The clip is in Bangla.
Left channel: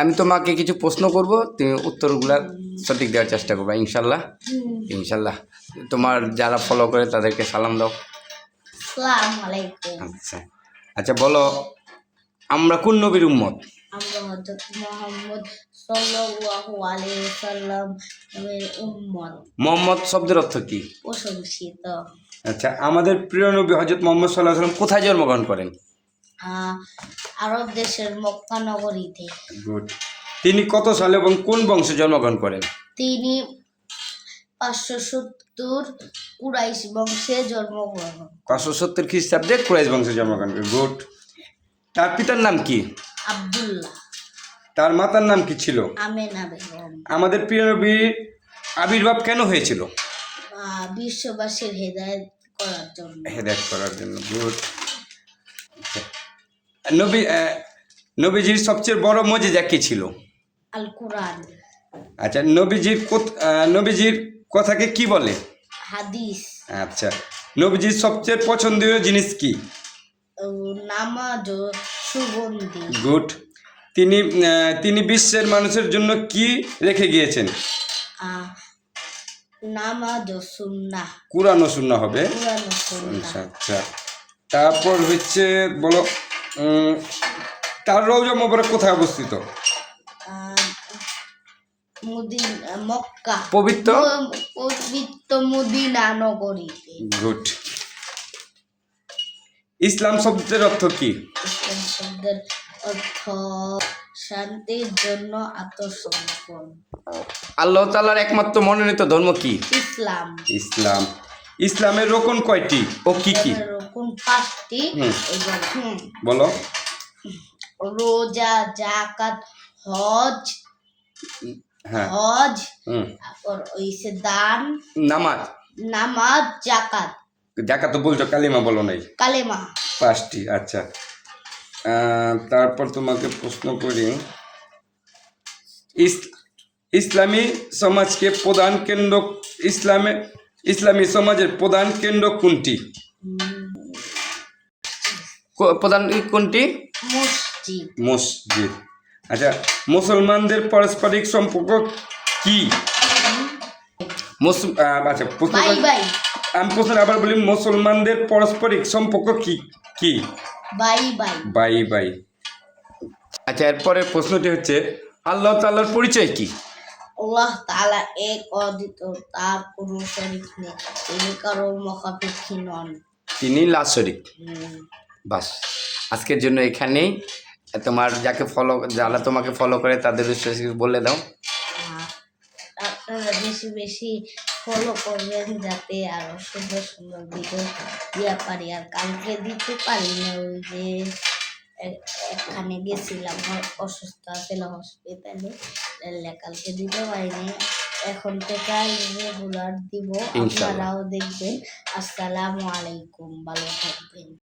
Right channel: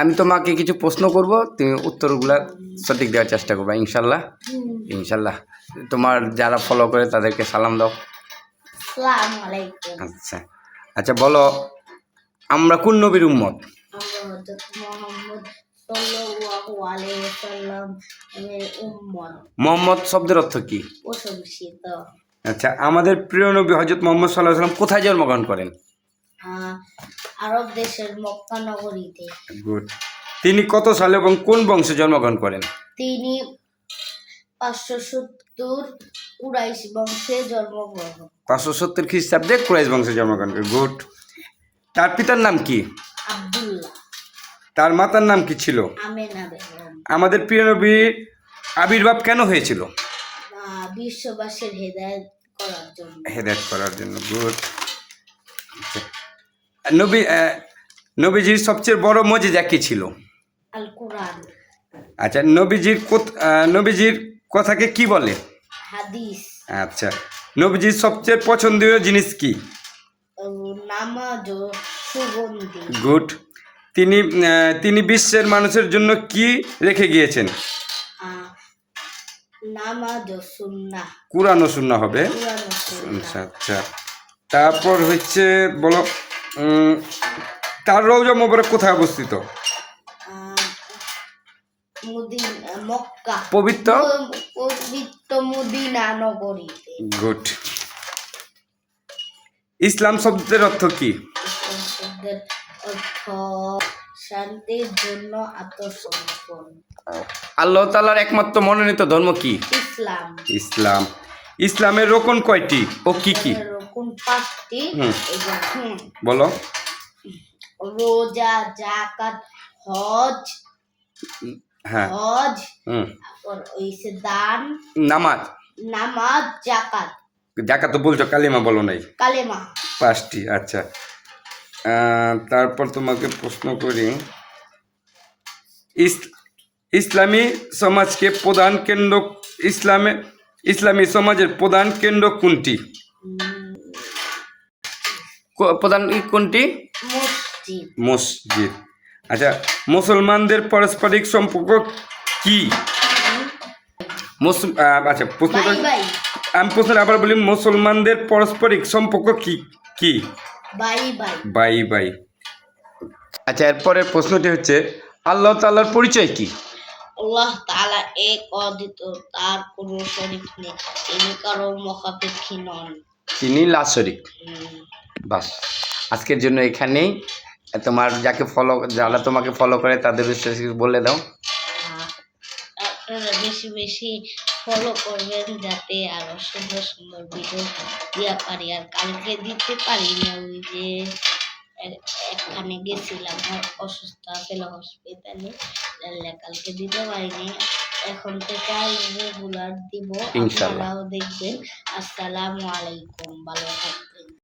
আমি তোমাকে কিছু প্রশ্ন করব তুমি উত্তরগুলো সঠিক দেওয়ার চেষ্টা করবে ইনশাল্লাহ। ইনশাল্লাহ। তোমার যারা ফলো করে তাদেরকে সালাম দাও। আচ্ছা। আচ্ছা বলো আমরা কোন নবীর উম্মত? মুহাম্মদ শব্দের অর্থ কি? আচ্ছা আমাদের প্রিয় নবী হজরত মোহাম্মদ সাল্লাহ সাল্লাম কোথায় জন্মগ্রহণ করেন? আরব দেশের মক্কা নগরীতে। গুড তিনি কত সালে এবং কোন বংশে জন্মগ্রহণ করেন? তিনি পাঁচশো সত্তর কুরাইশ বংশে জন্মগ্রহণ পাঁচশো সত্তর খ্রিস্টাব্দে কুরাইশ বংশে জন্মগ্রহণ করেন। গুড তার পিতার নাম কি? আব্দুল্লাহ। তার মাতার নাম কি ছিল? আমেনা বেগম। আমাদের প্রিয় নবীর আবির্ভাব কেন হয়েছিল? বিশ্ববাসীর হেদায়েত করার জন্য। হেদায়ত করার জন্য। গুড নবী নবীজির সবচেয়ে বড় মজেজা কি ছিল? আল কোরআন আচ্ছা নবীজির নবীজির কথাকে কি বলে? হাদিস। আচ্ছা নবীজির সবচেয়ে পছন্দীয় জিনিস কি? নামাজ ও সুগন্ধি। গুড। তিনি তিনি বিশ্বের মানুষের জন্য কি রেখে গিয়েছেন? নামাজ ও সুন্নাহ। কোরআন ও শূন্য হবে? আচ্ছা আচ্ছা। তারপর হচ্ছে বলো তার রৌজা মোবারক কোথায় অবস্থিত? মক্কা। পবিত্র? পবিত্র মুদিনা নগরীতে। গুড। ইসলাম শব্দের অর্থ কি? ইসলাম শব্দের অর্থ শান্তির জন্য আত্মসমর্পণ। আল্লাহ তালার একমাত্র মনোনীত ধর্ম কি? ইসলাম। ইসলাম। ইসলামের রোকন কয়টি ও কি কি? পাঁচটি। বলো। রোজা জাকাত হজ। হ্যাঁ। হজ তারপর ওইসে দান। নামাজ। নামাজ জাকাত দেখা তো বলছো কালিমা বলো নাই। কালেমা। পাঁচটি আচ্ছা। তারপর তোমাকে প্রশ্ন করি। ইস- ইসলামী সমাজকে প্রধান কেন্দ্র ইসলামে ইসলামী সমাজের প্রধান কেন্দ্র কোনটি? প্রধান কোনটি? মসজিদ। মসজিদ। আচ্ছা মুসলমানদের পারস্পরিক সম্পর্ক কি? আচ্ছা আমি প্রশ্ন আবার বলি মুসলমানদের পারস্পরিক সম্পর্ক কি কি? Bye bye. Bye bye. আচ্ছা এরপরের প্রশ্নটি হচ্ছে আল্লাহ তাল্লাহর পরিচয় কি? আল্লাহ তাআলা এক অদ্বিত তার কোনো শরীক নেই। তিনি কারও মুখাপেক্ষী নন। তিনি লাশরিক বাস। আজকের জন্য এখানেই। তোমার যাকে ফলো যারা তোমাকে ফলো করে তাদের কিছু বলে দাও। আপনারা বেশি বেশি ফলো করবেন যাতে আরও সুন্দর সুন্দর ভিডিও দিয়া পারি। আর কালকে দিতে পারি না ওই যে এখানে গেছিলাম অসুস্থ আছিল হসপিটালে কালকে দিতে পারিনি। এখন থেকে রেগুলার দিব। আপনারাও দেখবেন। আসসালামু আলাইকুম ভালো থাকবেন।